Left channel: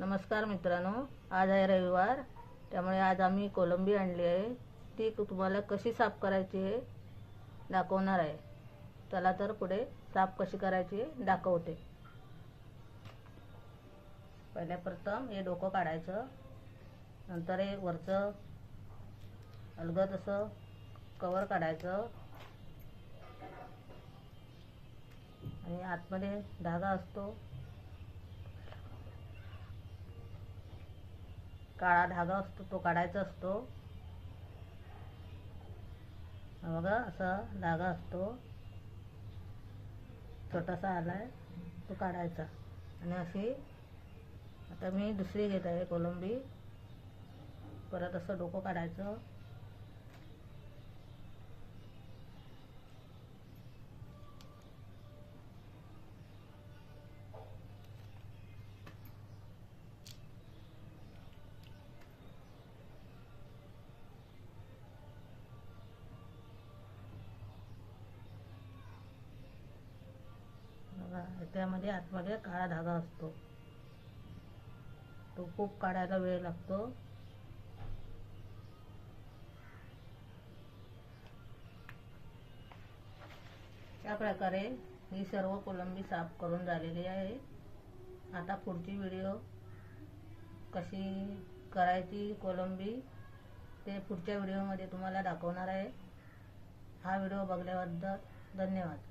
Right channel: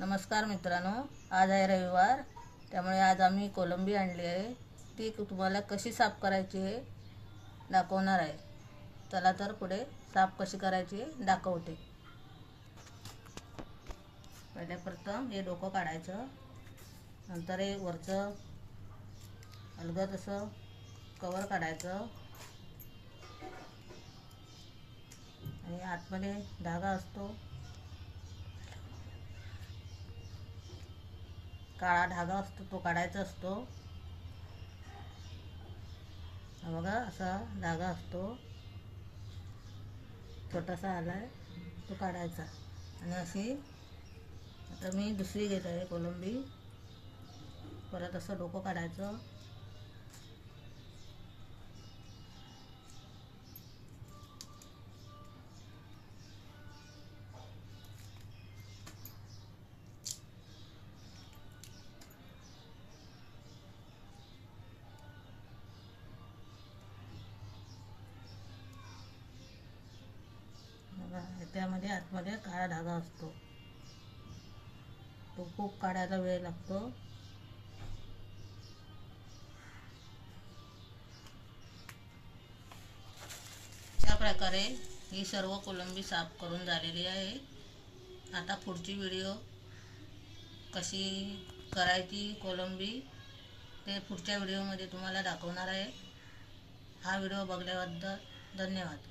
नमस्कार मित्रांनो, आज आहे रविवार, त्यामुळे आज आम्ही कोलंबी आणली आहे। ती तुम्हाला कशी साफ करायची हे दाखवणार आहे। चला तर पुढे साफ कशी करायची दाखवते। पहिल्या प्रथम हे डोकं काढायचं, नंतर हे वरचं अलगद असं कवर काढायचं आणि आतमध्ये धागा असतो, काळा धागा असतो, तो काढायचा असतो। हा बघा, असा धागा असतो, छोटासा आलाय, तो काढायचा। आणि अशी आता मी दुसरी घेत आहे कोलंबी। परत असं डोकं काढायचं, त्यामध्ये आतमध्ये काळा धागा असतो, तो खूप काढायला वेळ लागतो। अशा प्रकारे ही सर्व कोलंबी साफ करून झालेली आहे। आता पुढची व्हिडिओ कशी करायची कोलंबी ते पुढच्या व्हिडिओमध्ये तुम्हाला दाखवणार आहे। हा व्हिडिओ बघल्याबद्दल धन्यवाद।